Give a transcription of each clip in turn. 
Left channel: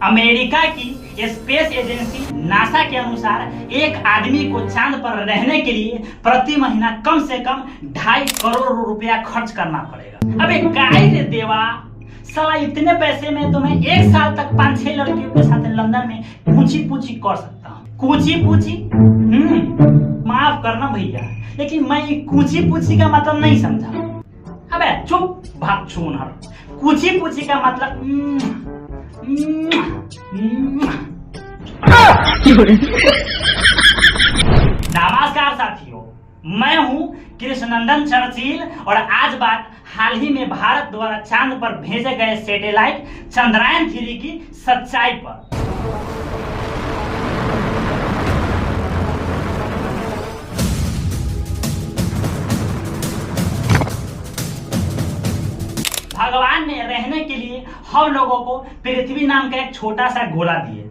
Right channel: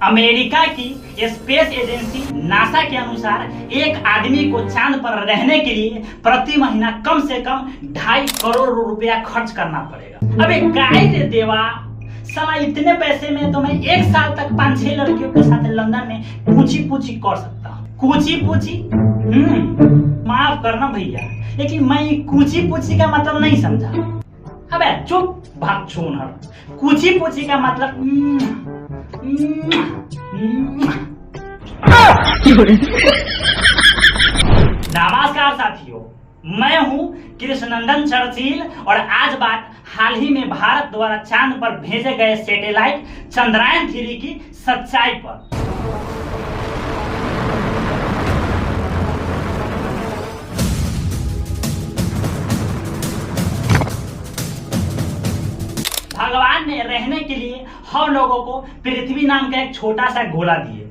America की space agency NASA के अनुसार एक आदमी को चांद पर रहने के लिए प्रति महीना कम से कम 2.5 करोड़ रुपया खर्च करना पड़ेगा। अबे काय रे देवा, साला इतने पैसे में तो मैं एक साल तक 5-6 लड़कियों के साथ लंदन में पूछी पूछी कर सकता हूँ। पूछी पूछी माफ करना भैया, लेकिन मैं ये पूछी पूछी का मतलब नहीं समझा। अबे चुप भाग छूनर, पूछी पूछी का मतलब नमस्कार साथियों, मैं हूं कृष्णनंदन चर्चिल और आज बात हाल ही में भारत द्वारा चांद पर भेजे गए सैटेलाइट चंद्रयान-3 की सच्चाई पर। भगवान ने रहने के लिए हम लोगों को पृथ्वी नाम का एक छोटा सा गोला दिए।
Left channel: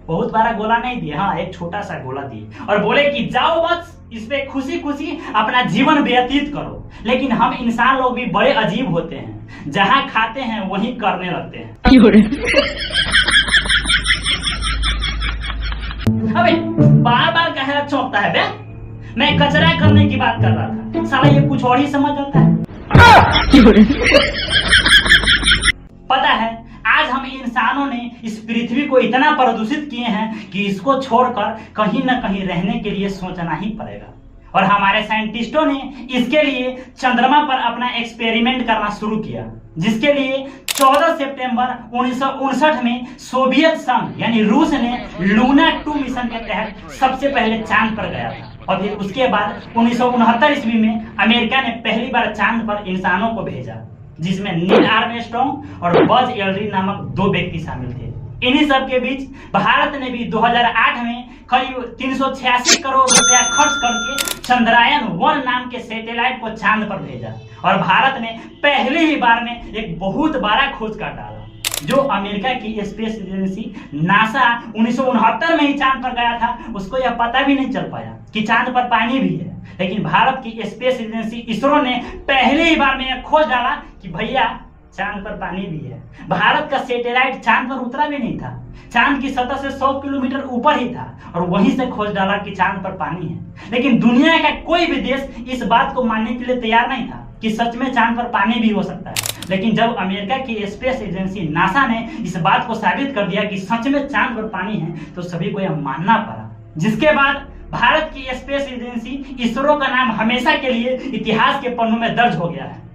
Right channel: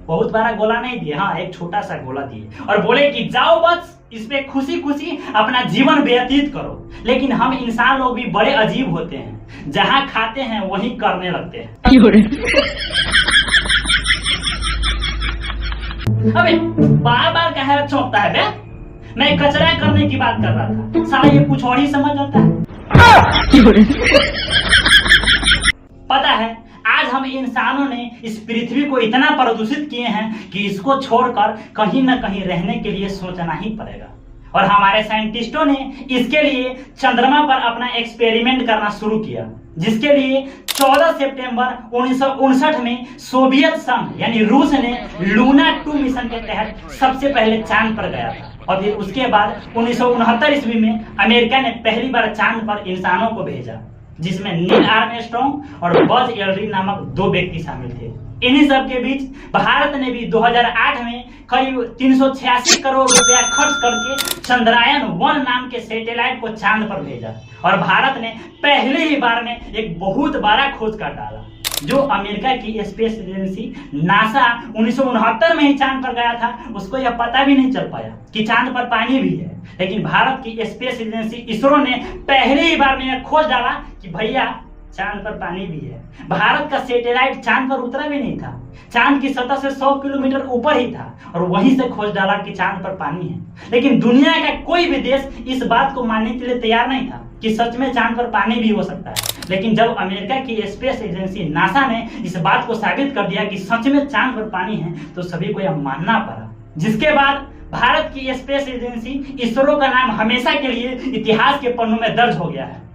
बहुत बड़ा गोला नहीं दिए, हाँ एक छोटा सा गोला दिए और बोले कि जाओ बस इस पे खुशी खुशी अपना जीवन व्यतीत करो। लेकिन हम इंसान लोग भी बड़े अजीब होते हैं, जहां खाते हैं वहीं करने लगते हैं। अबे बार बार कहे चौंकता है बे, मैं कचरा करने की बात कर रहा था, साला ये कुछ और ही समझ आता है। पता है आज हम इंसानों ने इस पृथ्वी को इतना प्रदूषित किए हैं कि इसको छोड़कर कहीं न कहीं रहने के लिए सोचना ही पड़ेगा। और हमारे साइंटिस्टों ने इसके लिए चंद्रमा पर अपना एक्सपेरिमेंट करना शुरू किया, जिसके लिए 14 सितंबर 1959 में सोवियत संघ यानी रूस ने लूना 2 मिशन के तहत सबसे पहले चांद पर गया था। और फिर उसके बाद 1969 ईस्वी में अमेरिका ने पहली बार चांद पर इंसानों को भेजा, जिसमें नील आर्मस्ट्रांग और बज एल्ड्रिन नामक 2 व्यक्ति शामिल थे। इन्हीं सब के बीच भारत ने भी 2008 में करीब 386 करोड़ रुपया खर्च करके चंद्रयान-1 नाम के सैटेलाइट को चांद पर भेजा। और भारत ने पहली ही बार में एक बहुत बड़ा खोज कर डाला। जो अमेरिका की स्पेस एजेंसी नासा 1969 में ही चांद पर गया था, उसको यह पता भी नहीं चल पाया कि चांद पर पानी भी है। लेकिन भारत की स्पेस एजेंसी इसरो ने पहली ही बार में यह खोज डाला कि भैया चांद पर पानी भी है। भारत का सैटेलाइट चांद पर उतरा भी नहीं था, चांद की सतह से 100 किलोमीटर ऊपर ही था और वहीं से खोज डाला कि चांद पर पानी है। लेकिन दुनिया का कोई भी देश इस बात को मानने के लिए तैयार नहीं था कि सच में चांद पर पानी भी हो सकता है। लेकिन जब अमेरिका की स्पेस एजेंसी नासा ने इस बात को साबित कर दिया कि सच में चांद पर पानी है, तो सभी को यह मानना पड़ा। जिसके बाद भारत की स्पेस एजेंसी इसरो का नाम हमेशा के लिए इतिहास के पन्नों में दर्ज हो गया है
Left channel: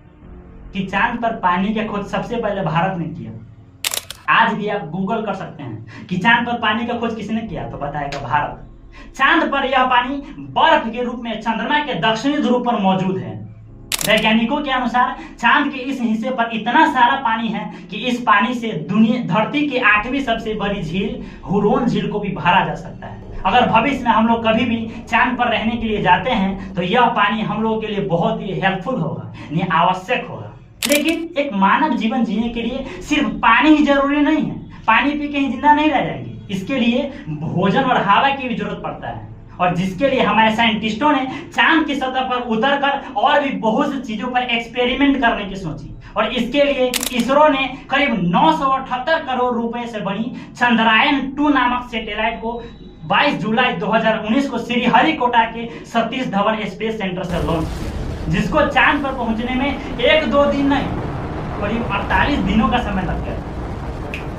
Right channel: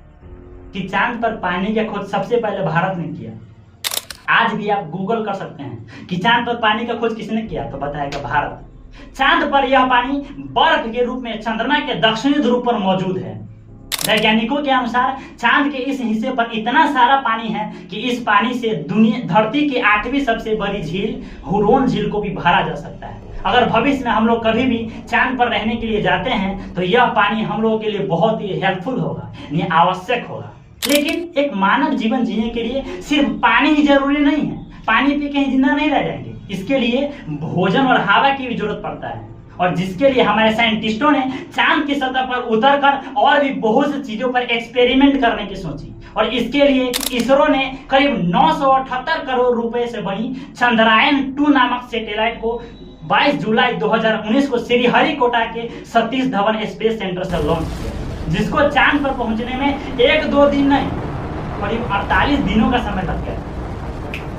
कि चांद पर पानी की खोज सबसे पहले भारत ने किया। आज भी आप गूगल कर सकते हैं कि चांद पर पानी का खोज किसने किया, तो बताएगा भारत। चांद पर यह पानी बर्फ के रूप में चंद्रमा के दक्षिणी ध्रुव पर मौजूद है। वैज्ञानिकों के अनुसार चांद के इस हिस्से पर इतना सारा पानी है कि इस पानी से धरती की 8वीं सबसे बड़ी झील हुरॉन झील को भी भरा जा सकता है। अगर भविष्य में हम लोग कभी भी चांद पर रहने के लिए जाते हैं तो यह पानी हम लोगों के लिए बहुत ही हेल्पफुल होगा, यानी आवश्यक होगा। लेकिन एक मानव जीवन जीने के लिए सिर्फ पानी ही जरूरी नहीं है, पानी पी के ही जिंदा नहीं रह जाएंगे। इसके लिए भोजन और हवा की भी जरूरत पड़ता है, और जिसके लिए हमारे साइंटिस्टों ने चांद की सतह पर उतरकर और भी बहुत सी चीजों पर एक्सपेरिमेंट करने की सोची। और इसके लिए इसरो ने करीब 978 करोड़ रुपए से बनी चंद्रयान-2 नामक सैटेलाइट को 22 जुलाई 2019 को श्रीहरिकोटा के सतीश धवन स्पेस सेंटर से लॉन्च किया, जिसको चांद पर पहुंचने में 1-2 दिन नहीं, करीब 48 दिनों का समय लग गया।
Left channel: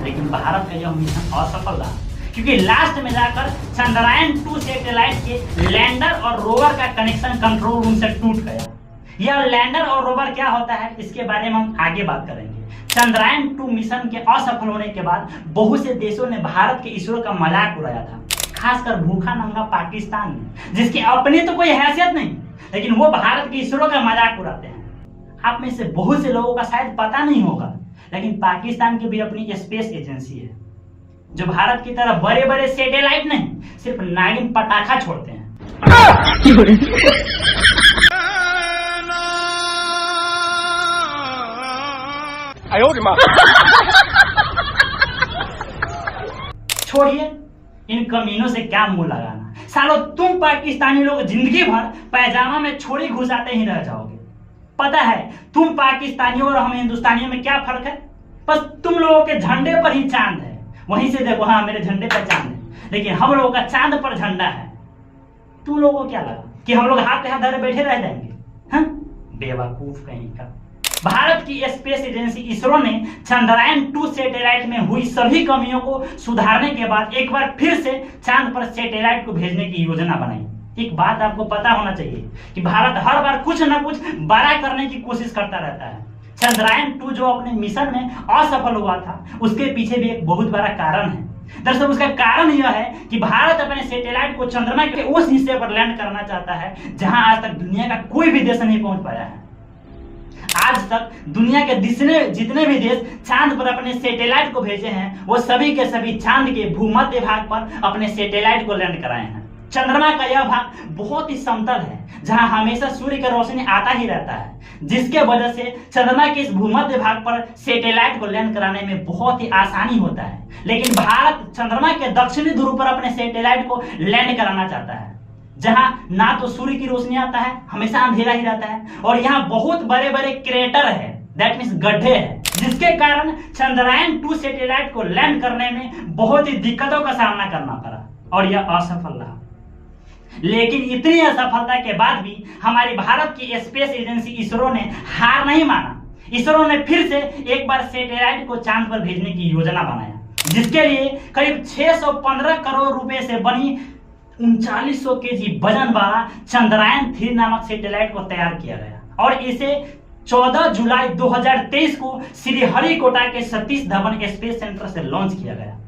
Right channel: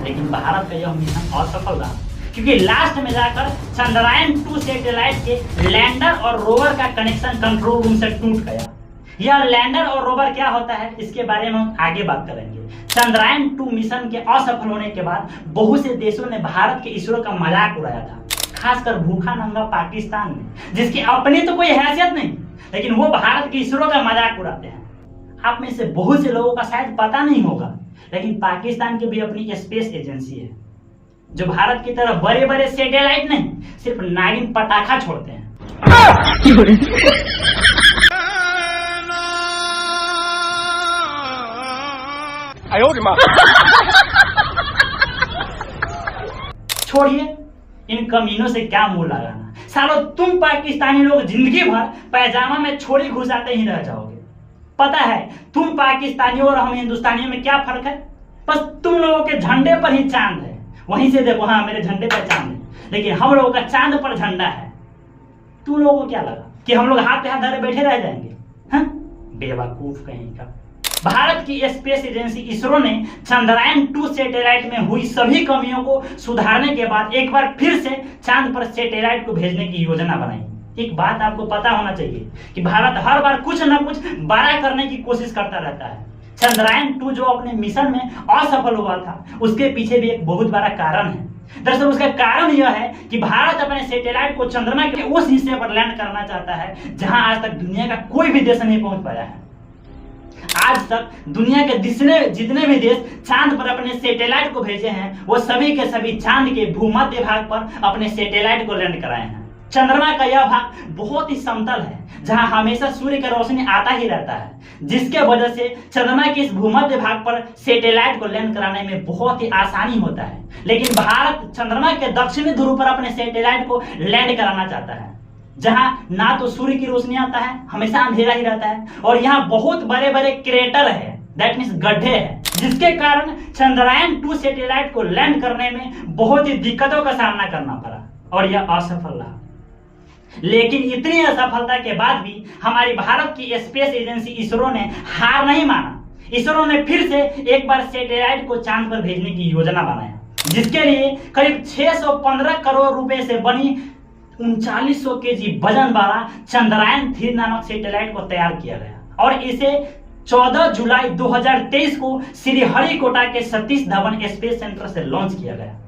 लेकिन भारत का यह मिशन असफल रहा, क्योंकि लास्ट में जाकर चंद्रयान-2 सैटेलाइट के लैंडर और रोवर का कनेक्शन कंट्रोल रूम से टूट गया। यह लैंडर और रोवर क्या होता है, इसके बारे में हम आगे बात करेंगे। चंद्रयान-2 मिशन के असफल होने के बाद बहुत से देशों ने भारत के इसरो का मजाक उड़ाया था, खासकर भूखा नंगा पाकिस्तान ने, जिसकी अपनी तो कोई हैसियत नहीं, लेकिन वो भारत के इसरो का मजाक उड़ाते हैं। आप में से बहुत से लोगों का शायद पता नहीं होगा, लेकिन पाकिस्तान की भी अपनी स्पेस एजेंसी है, जो भारत की तरह बड़े बड़े सैटेलाइट नहीं, सिर्फ नागिन पटाखा छोड़ते हैं। छोड़िए इन कमीनों से क्या मुंह लगाना। सालो तुम पाकिस्तानी लोग जिंदगी भर पैजामा में छोड़ी घुसाते ही रह जाओगे। पता है तुम पाकिस्तानियों और हम हिंदुस्तानियों में क्या फर्क है? बस तुम लोगों के झंडे पर ही चांद है वहीं से देखो, हाँ मेरे झंडे पर चांद है, लेकिन हम लोगों का चांद पर झंडा है। तुम लोगों को क्या लगा कि हम लोग हाथ पे हाथ धरे बैठे रह जाएंगे? हाँ, बेवकूफ कहीं का। भारत की स्पेस एजेंसी इसरो ने चंद्रयान 2 सैटेलाइट में हुई सभी कमियों को सुधारने के बाद एक बार फिर से चांद पर सैटेलाइट को भेजने की योजना बनाई। एक बात आपको पता होना चाहिए कि भारत हर बार कुछ ना कुछ बड़ा करने की कोशिश करता रहता है। चंद्रयान 2 जो अपने मिशन में असफल हुआ था, उसके पीछे भी एक बहुत बड़ा कारण है। दरअसल उसका कारण यह है कि भारत अपने सैटेलाइट को चंद्रमा के उस हिस्से पर लैंड करना चाहता है जहां आज तक दुनिया का कोई भी देश नहीं पहुंच पाया है। आज तक दुनिया के जितने भी देश चांद पर अपने सैटेलाइट को भेजे हैं, वो सभी के सभी चांद के भूमध्य भाग पर अपने सैटेलाइट को लैंड कराए हैं। चंद्रमा का यह भाग बहुत ही समतल है, जहां हमेशा सूर्य की रोशनी आता ही रहता है, जिसके वजह से चंद्रमा के इस भूमध्य भाग पर सैटेलाइट को लैंड कराने में बहुत ही आसानी होता है। लेकिन भारत चंद्रमा के दक्षिणी ध्रुव पर अपने सैटेलाइट को लैंड कराना चाहता है, जहां ना तो सूर्य की रोशनी आता है, हमेशा अंधेरा ही रहता है, और यहाँ बहुत बड़े बड़े क्रेटर है, दैट मीन्स गड्ढे हैं, जिसके कारण चंद्रयान 2 सैटेलाइट को लैंड करने में बहुत ही दिक्कतों का सामना करना पड़ा और यह असफल रहा। लेकिन इतनी असफलता के बाद भी हमारी भारत की स्पेस एजेंसी इसरो ने हार नहीं माना। इसरो ने फिर से एक बार सैटेलाइट को चांद पर भेजने की योजना बनाया, जिसके लिए करीब 615 करोड़ रुपए से बनी 3900 केजी वजन वाला चंद्रयान 3 नामक सैटेलाइट को तैयार किया गया और इसे 14 जुलाई 2023 को श्रीहरिकोटा के सतीश धवन स्पेस सेंटर से लॉन्च किया गया।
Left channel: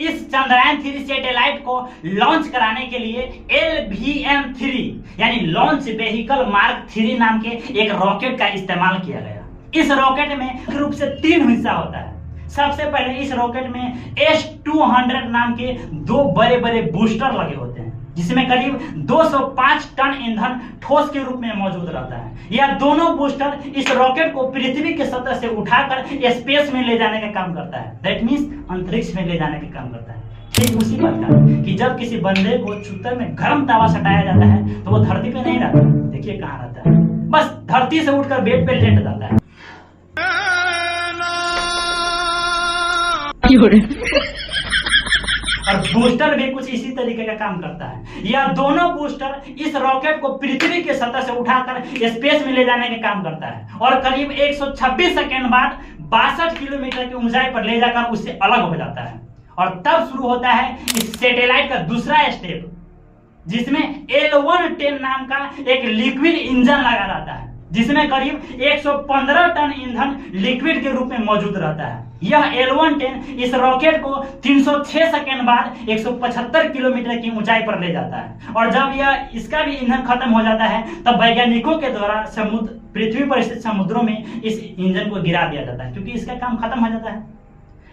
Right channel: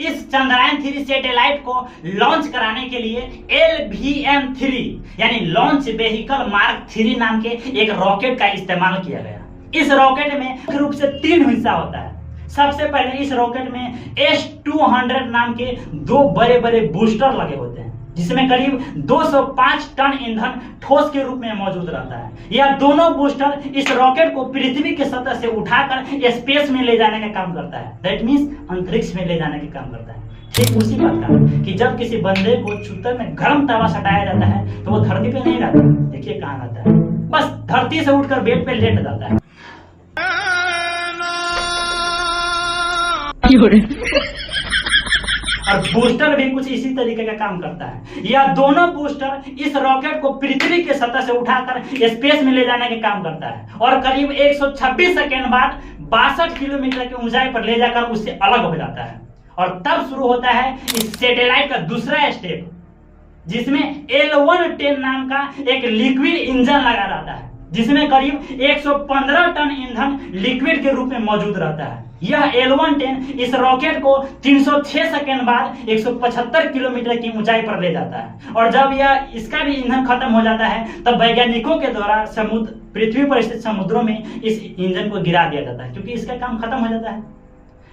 इस चंद्रयान 3 सैटेलाइट को लॉन्च कराने के लिए LVM-3 यानी लॉन्च व्हीकल मार्क 3 नाम के एक रॉकेट का इस्तेमाल किया गया। इस रॉकेट में मुख्य रूप से 3 हिस्सा होता है। सबसे पहले इस रॉकेट में S-200 नाम के 2 बड़े बड़े बूस्टर लगे होते हैं, जिसमें करीब 205 टन ईंधन ठोस के रूप में मौजूद रहता है। यह दोनों बूस्टर इस रॉकेट को पृथ्वी की सतह से उठाकर स्पेस में ले जाने का काम करता है, दैट मीन्स अंतरिक्ष में ले जाने का काम करता है। ठीक उसी प्रकार कि जब किसी बंदे को चुत्तर में गर्म तवा सटाया जाता है तो वो धरती पे नहीं रहता, देखिए कहाँ रहता है, बस धरती से उठकर बेड पे लेट जाता है। और बूस्टर भी कुछ इसी तरीके का काम करता है। यह दोनों बूस्टर इस रॉकेट को पृथ्वी की सतह से उठाकर स्पेस में ले जाने का काम करता है और करीब 126 सेकेंड बाद 62 किलोमीटर की ऊंचाई पर ले जाकर उससे अलग हो जाता है। और तब शुरू होता है इस सैटेलाइट का दूसरा स्टेप, जिसमें L110 नाम का एक लिक्विड इंजन लगा रहता है, जिसमें करीब 115 टन ईंधन लिक्विड के रूप में मौजूद रहता है। यह L110 इस रॉकेट को 306 सेकेंड बाद 175 किलोमीटर की ऊंचाई पर ले जाता है और जब यह इसका भी ईंधन खत्म हो जाता है तब वैज्ञानिकों के द्वारा पृथ्वी पर स्थित समुद्रों में इस इंजन को गिरा दिया जाता है, क्योंकि इसका काम खत्म हो जाता है।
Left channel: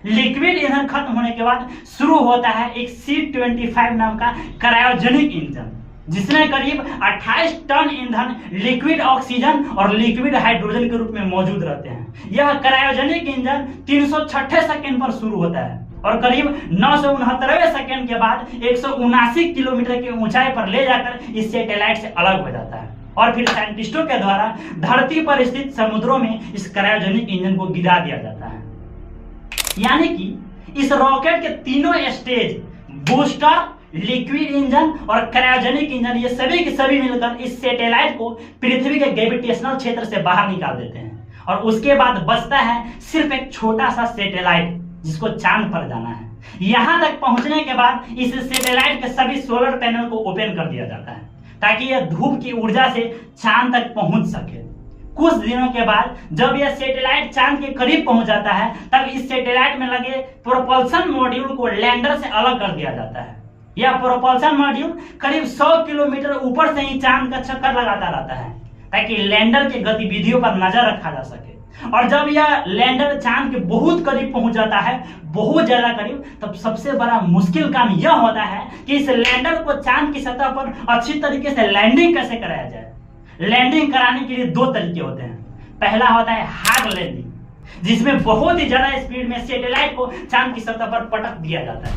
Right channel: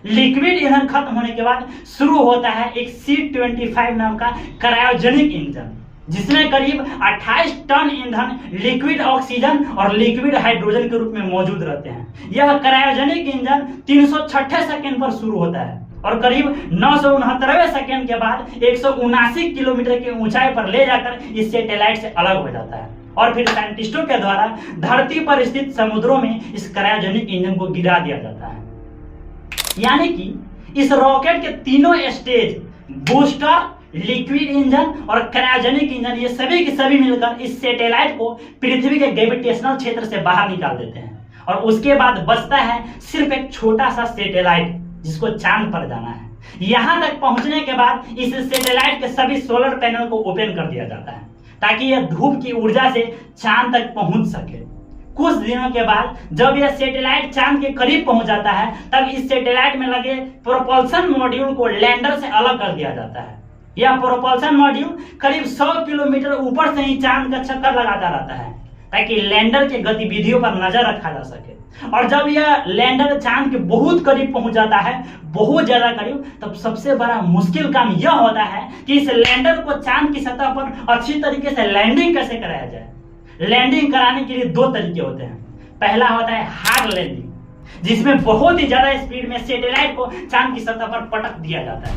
लिक्विड ईंधन खत्म होने के बाद शुरू होता है एक C-25 नाम का क्रायोजेनिक इंजन, जिसमें करीब 28 टन ईंधन लिक्विड ऑक्सीजन और लिक्विड हाइड्रोजन के रूप में मौजूद रहते हैं। यह क्रायोजेनिक इंजन 306 सेकेंड पर शुरू होता है और करीब 969 सेकेंड के बाद 179 किलोमीटर की ऊंचाई पर ले जाकर इस सैटेलाइट से अलग हो जाता है और फिर साइंटिस्टों के द्वारा धरती पर स्थित समुद्रों में इस क्रायोजेनिक इंजन को गिरा दिया जाता है। यानी कि इस रॉकेट के तीनों स्टेज, बूस्टर, लिक्विड इंजन और क्रायोजेनिक इंजन, ये सभी के सभी मिलकर इस सैटेलाइट को पृथ्वी के ग्रेविटेशनल क्षेत्र से बाहर निकाल देते हैं और उसके बाद बचता है सिर्फ एक छोटा सा सैटेलाइट जिसको चांद पर जाना है। यहां तक पहुंचने के बाद इस सैटेलाइट के सभी सोलर पैनल को ओपन कर दिया जाता है ताकि यह धूप की ऊर्जा से चांद तक पहुंच सके। कुछ दिनों के बाद जब यह सैटेलाइट चांद के करीब पहुंच जाता है तब इस सैटेलाइट में लगे प्रोपल्सन मॉड्यूल को लैंडर से अलग कर दिया जाता है। यह प्रोपल्सन मॉड्यूल करीब 100 किलोमीटर ऊपर से ही चांद का चक्कर लगाता रहता है ताकि लैंडर के गतिविधियों पर नजर रखा जा सके। और जब यह लैंडर चांद के बहुत करीब पहुंच जाता है, बहुत ज्यादा करीब, तब सबसे बड़ा मुश्किल काम यह होता है कि इस लैंडर को चांद की सतह पर अच्छी तरीके से लैंडिंग कैसे कराया जाए। लैंडिंग कराने के लिए 2 तरीके होते हैं। पहला होता है हार्ड लैंडिंग, जिसमें बहुत ही ज्यादा स्पीड में सैटेलाइट को चांद की सतह पर पटक दिया जाता है,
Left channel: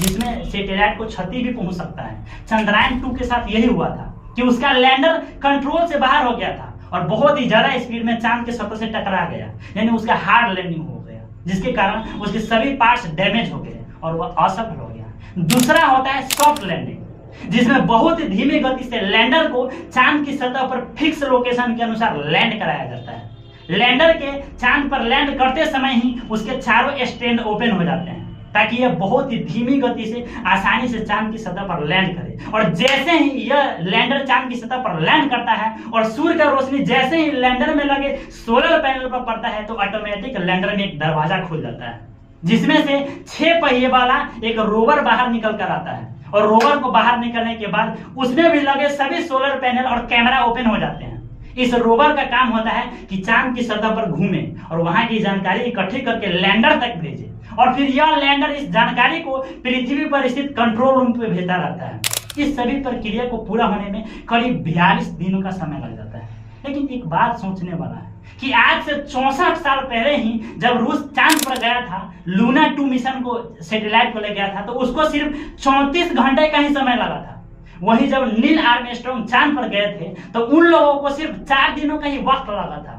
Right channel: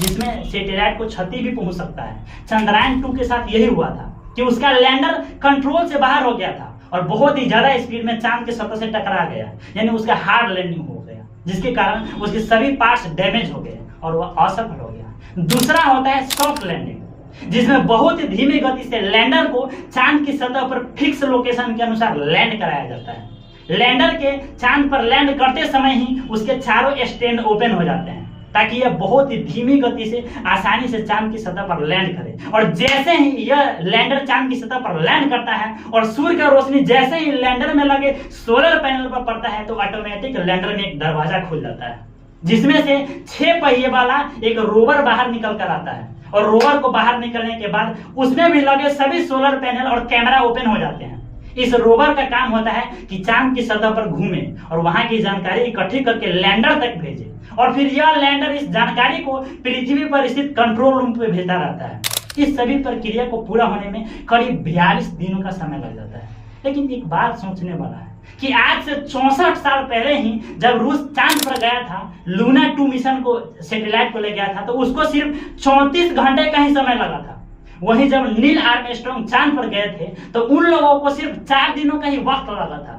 जिसमें सैटेलाइट को क्षति भी पहुंच सकता है। चंद्रयान 2 के साथ यही हुआ था कि उसका लैंडर कंट्रोल से बाहर हो गया था और बहुत ही ज्यादा स्पीड में चांद की सतह से टकरा गया, यानी उसका हार्ड लैंडिंग हो गया, जिसके कारण उसके सभी पार्ट्स डैमेज हो गए और वह असफल हो गया। दूसरा होता है सॉफ्ट लैंडिंग, जिसमें बहुत ही धीमी गति से लैंडर को चांद की सतह पर फिक्स लोकेशन के अनुसार लैंड कराया जाता है। लैंडर के चांद पर लैंड करते समय ही उसके चारों स्टैंड ओपन हो जाते हैं ताकि यह बहुत ही धीमी गति से आसानी से चांद की सतह पर लैंड करे। और जैसे ही यह लैंडर चांद की सतह पर लैंड करता है और सूर्य का रोशनी जैसे ही लैंडर में लगे सोलर पैनल पर पड़ता है तो ऑटोमेटिक लैंडर में एक दरवाजा खुल जाता है, जिसमें से 6 पहिए वाला एक रोवर बाहर निकल कर आता है। और रोवर को बाहर निकलने के बाद उसमें भी लगे सभी सोलर पैनल और कैमरा ओपन हो जाते हैं। इस रोवर का काम होता है कि चांद की सतह पर घूमे और वहां की जानकारी इकट्ठी करके लैंडर तक भेजे, और फिर यह लैंडर इस जानकारी को पृथ्वी पर स्थित कंट्रोल रूम पे भेजता रहता है। इस सभी प्रक्रिया को पूरा होने में करीब 42 दिनों का समय लग जाता है। लेकिन एक बात सोचने वाला है कि आज से 64 साल पहले ही जब रूस चांद पर गया था, लूना 2 मिशन को सैटेलाइट को ले गया था, तो उसको सिर्फ 34 घंटे का ही समय लगा था। वहीं जब नील आर्मस्ट्रांग चांद पर गए थे तो उन लोगों को सिर्फ 4 दिनों का ही वक्त लगा था।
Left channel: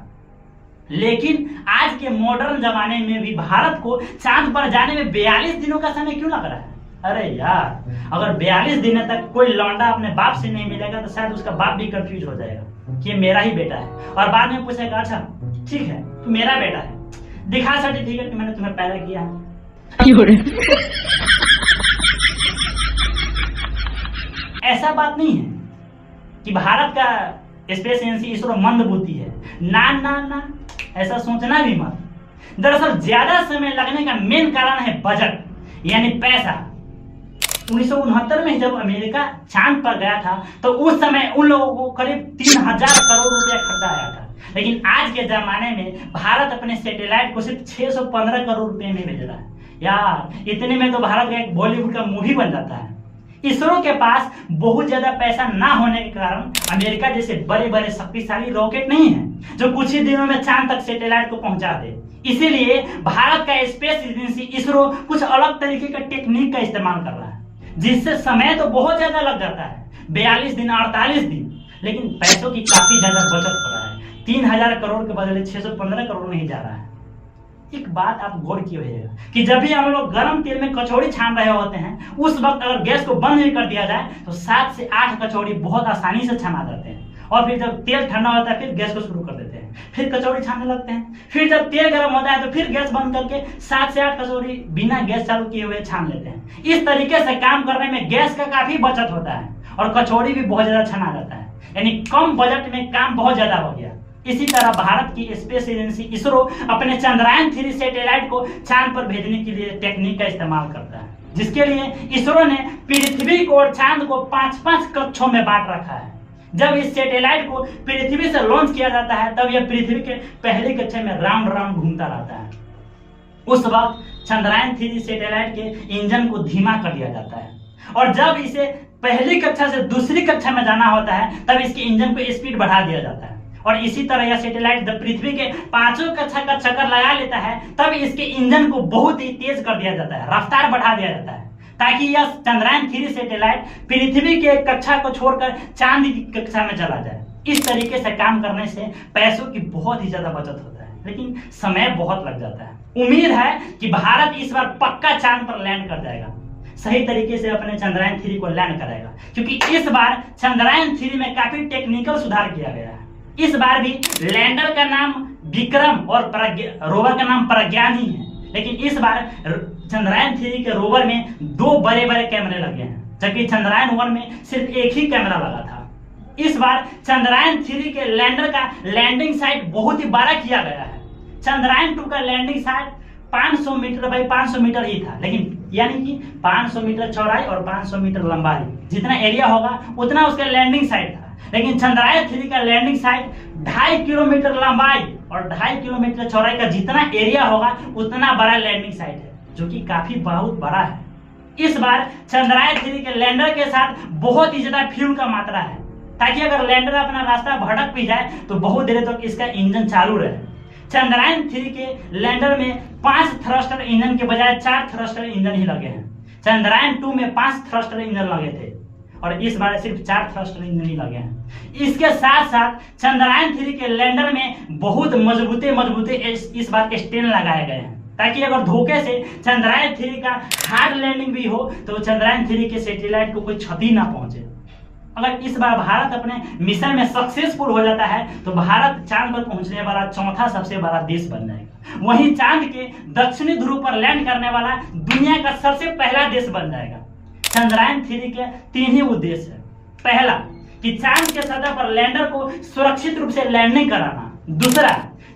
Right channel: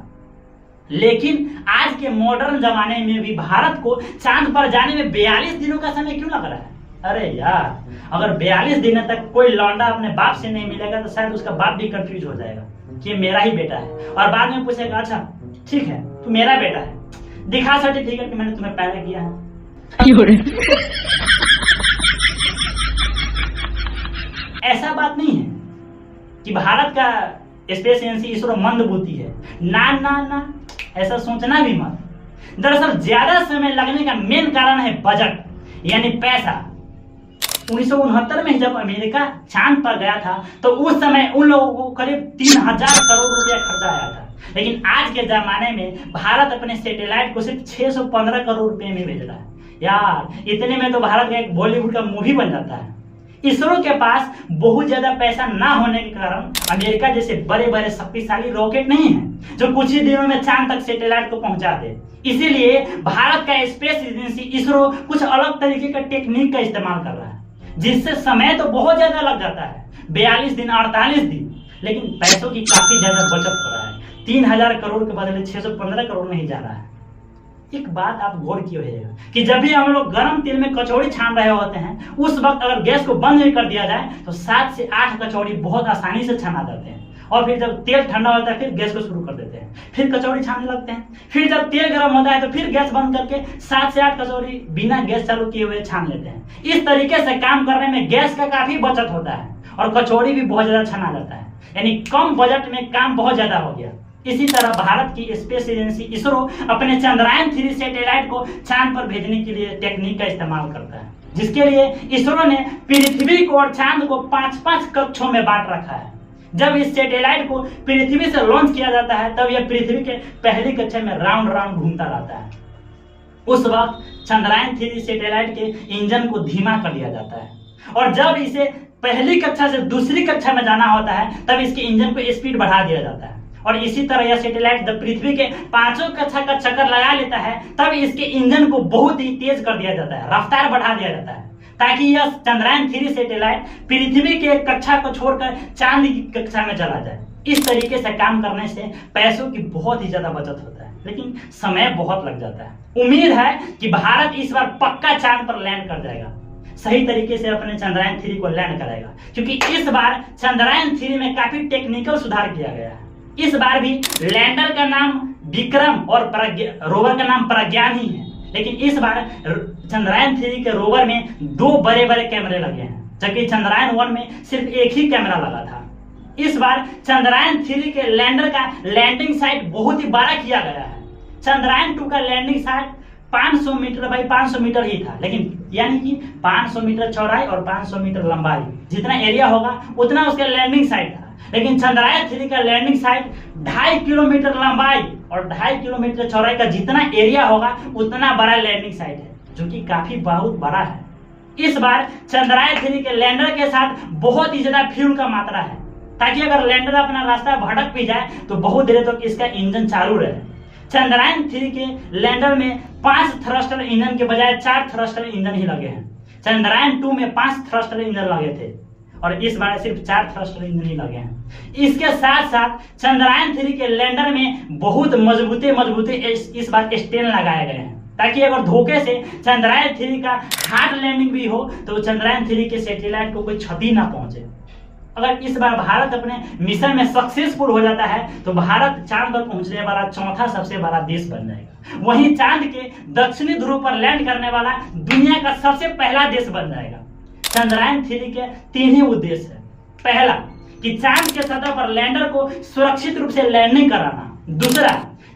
लेकिन आज के मॉडर्न जमाने में भी भारत को चांद पर जाने में 42 दिनों का समय क्यों लग रहा है? अरे यार, अगर 42 दिनों तक कोई लौंडा अपने बाप से नहीं मिलेगा तो शायद उसका बाप भी कंफ्यूज हो जाएगा कि ये मेरा ही बेटा है, और बाद में पूछेगा अच्छा ठीक है तू मेरा बेटा है, दिखा सर्टिफिकेट कि मैंने तुम्हें पैदा किया है। ऐसा बात नहीं है कि भारत का स्पेस एजेंसी इसरो मंद बुद्धि है, ना ना ना, ऐसा सोचना भी मत। दरअसल ज्यादा समय लगने का मेन कारण है बजट, यानी पैसा। 1969 में जब अमेरिका चांद पर गया था तो उस समय उन लोगों को करीब 3000 करोड़ रुपया खर्चा आया था। लेकिन आज के जमाने में भारत अपने सैटेलाइट को सिर्फ 615 करोड़ रुपए में भेज रहा है। यार, इतने में तो भारत का एक बॉलीवुड का मूवी बन जाता है। इसरो के पास बहुत ज्यादा पैसा ना होने के कारण अमेरिका जैसे बड़े बड़े शक्तिशाली रॉकेट नहीं है जो कुछ ही दिनों में चांद तक सैटेलाइट को पहुंचा दे। इसीलिए भारत का स्पेस एजेंसी इसरो कुछ अलग तरीके का टेक्निक का इस्तेमाल कर रहा है, जिससे समय तो बहुत ज्यादा लग जाता है, 42 दिन 48 दिन, लेकिन पैसों की काफी ज्यादा बचत हो रहा है। 3000 करोड़ के बदले 615 करोड़ में ही जा रहा है। एक बात आप गौर किए होइएगा कि जब भी हम लोग गर्म तेल में कचौड़ी छान रहे होते हैं, उस वक्त अगर गैस को बंद नहीं कर दिया जाए तो 7 से 8 कचौड़ी बहुत आसानी से छना जाते हैं। और फिर जब तेल ठंडा होता है फिर गैस को शुरू कर देते हैं, फिर कचौड़ी छानने लगते हैं। फिर जब तेल गर्म होता है तो फिर गैस बंद करके 7 से 8 कचौड़ी बिना गैस चालू किए हुए छान लेते हैं। इस तरीके से काम करने में गैस का काफी बचत होता है और कचौड़ी भी बहुत ज्यादा छना जाता है, यानी कम बजट में काम बहुत ज्यादा हो गया। इसी तरह भारत की स्पेस एजेंसी इसरो अपने चंद्रयान 3 सैटेलाइट को चांद पर भेजने के लिए टेक्निक का इस्तेमाल करता है, जिसके लिए इसरो ने पृथ्वी को और चांद को 5-5 कक्षों में बांट रखा है। जब इस सैटेलाइट को पृथ्वी से लॉन्च किया जाता है तब यह पृथ्वी के पहली कक्षा में राउंड राउंड घूमता रहता है। उस वक्त चंद्रयान 3 सैटेलाइट के इंजन को धीमा कर दिया जाता है, और जब इसे पहली कक्षा से दूसरी कक्षा में जाना होता है तब इसके इंजन को स्पीड बढ़ा दिया जाता है। और इसी तरह यह सैटेलाइट जब पृथ्वी के 5वीं कक्षा का चक्कर लगा लेता है तब इसके इंजन को बहुत ही तेज कर दिया जाता है, रफ्तार बढ़ा दिया जाता है, ताकि यह चंद्रयान 3 सैटेलाइट पृथ्वी के कक्षा को छोड़कर चांद की कक्षा में चला जाए। इस तरीके से काम करने से पैसों की बहुत ही ज्यादा बचत होता है, लेकिन समय बहुत लग जाता है। उम्मीद है कि भारत इस बार पक्का चांद पर लैंड कर जाएगा, सही तरीके से अपने चंद्रयान 3 को लैंड कराएगा, क्योंकि इस बार चंद्रयान 3 में काफी टेक्निकल सुधार किया गया है। इस बार भी लैंडर का नाम विक्रम और रोवर का नाम प्रज्ञान ही है, लेकिन इस बार चंद्रयान 3 के रोवर में 2 बड़े बड़े कैमरे लगे हैं, जबकि चंद्रयान 1 में सिर्फ एक ही कैमरा लगा था। इस बार चंद्रयान 3 के लैंडर का लैंडिंग साइट बहुत ही बड़ा किया गया है। चंद्रयान 2 का landing site 500 metre by 500 metre ही था, लेकिन यानी कि 500 मीटर चौड़ाई और 500 मीटर लंबाई, जितना एरिया होगा उतना उसका लैंडिंग साइट था। लेकिन चंद्रयान 3 का लैंडिंग साइट 2.5 किलोमीटर लंबाई और 2.5 किलोमीटर चौड़ाई का जितना एरिया होगा उतना बड़ा लैंडिंग साइट है, जो कि काफी बहुत बड़ा है। इस बार चंद्रयान 3 के लैंडर के साथ बहुत ही ज्यादा फ्यूल का मात्रा है, ताकि अगर लैंडर अपना रास्ता भटक भी जाए तो बहुत देर तक इसका इंजन चालू रहे। चंद्रयान 3 के लैंडर में 5 थ्रस्टर इंजन के बजाय 4 थ्रस्टर इंजन ही लगे हैं। चंद्रयान 2 में 5 थ्रस्टर इंजन लगे थे और इस बार सिर्फ 4 थ्रस्टर इंजन ही लगे हैं। इसके साथ साथ चंद्रयान 3 के लैंडर में बहुत मजबूते इस बार स्टैंड लगाए गए हैं, ताकि अगर धोखे से चंद्रयान 3 का हार्ड लैंडिंग भी हो तो चंद्रयान 3 के सैटेलाइट को कोई क्षति ना पहुंचे। अगर इस बार भारत अपने मिशन में सक्सेसफुल हो जाता है तो भारत चांद पर पहुंचने वाला चौथा सबसे बड़ा देश बन जाएगा। वहीं चांद के दक्षिणी ध्रुव पर लैंड करने वाला दुनिया का सबसे पहला देश बन जाएगा। चंद्रयान 3 के 3 ही उद्देश्य है। पहला कि चांद के सतह पर लैंडर को सुरक्षित रूप से लैंडिंग कराना। दूसरा,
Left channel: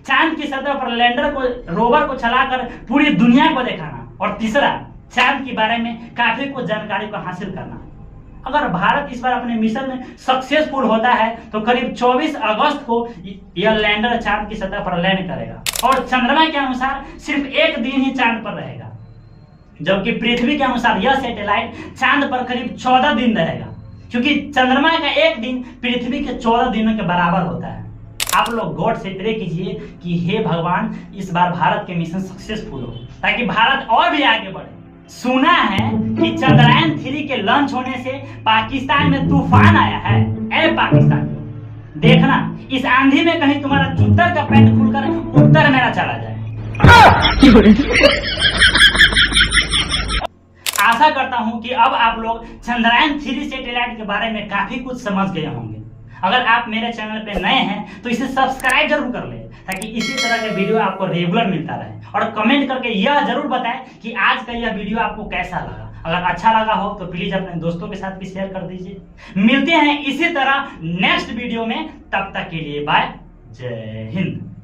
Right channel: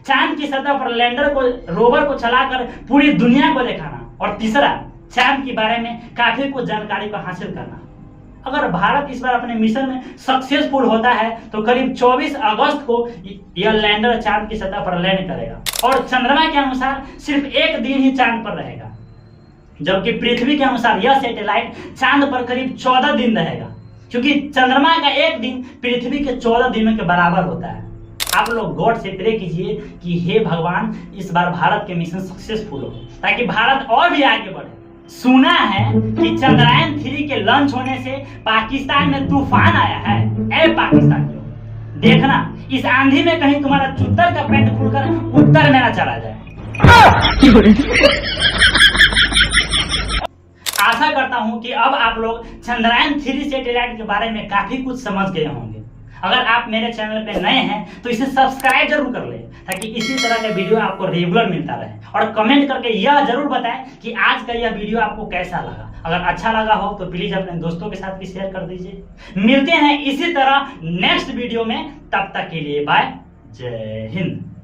चांद की सतह पर लैंडर को रोवर को चलाकर पूरी दुनिया को दिखाना। और तीसरा, चांद के बारे में काफी कुछ जानकारी को हासिल करना। अगर भारत इस बार अपने मिशन में सक्सेसफुल होता है तो करीब 24 अगस्त को यह लैंडर चांद की सतह पर लैंड करेगा और चंद्रमा के अनुसार सिर्फ एक दिन ही चांद पर रहेगा, जबकि पृथ्वी के अनुसार यह सैटेलाइट चांद पर करीब 14 दिन रहेगा, क्योंकि चंद्रमा का एक दिन पृथ्वी के 14 दिनों के बराबर होता है। आप लोग गॉड से प्रे कीजिए कि हे भगवान इस बार भारत के मिशन सक्सेसफुल हो ताकि भारत और भी आगे बढ़े। सुना है कि चंद्रयान 3 के लॉन्च होने से पाकिस्तान में तूफान आया है। ए पाकिस्तानियों, देखना इस आंधी में कहीं तुम्हारा चुत्तर का पैंट खुलकर उत्तर में ना चला जाए। आशा करता हूं कि अब आप लोग चंद्रयान 3 सैटेलाइट के बारे में काफी कुछ समझ गए होंगे। अगर आप मेरे चैनल पे नए हैं तो इसे सब्सक्राइब जरूर कर ले ताकि इसी तरह के वीडियो आपको रेगुलर मिलता रहे। और कमेंट करके यह जरूर बताएं कि आज का यह वीडियो आपको कैसा लगा। अगर अच्छा लगा हो तो प्लीज अपने दोस्तों के साथ भी शेयर कर दीजिए। मिलते हैं इसी तरह नेक्स्ट वीडियो में, तब तक के लिए बाय, जय हिंद।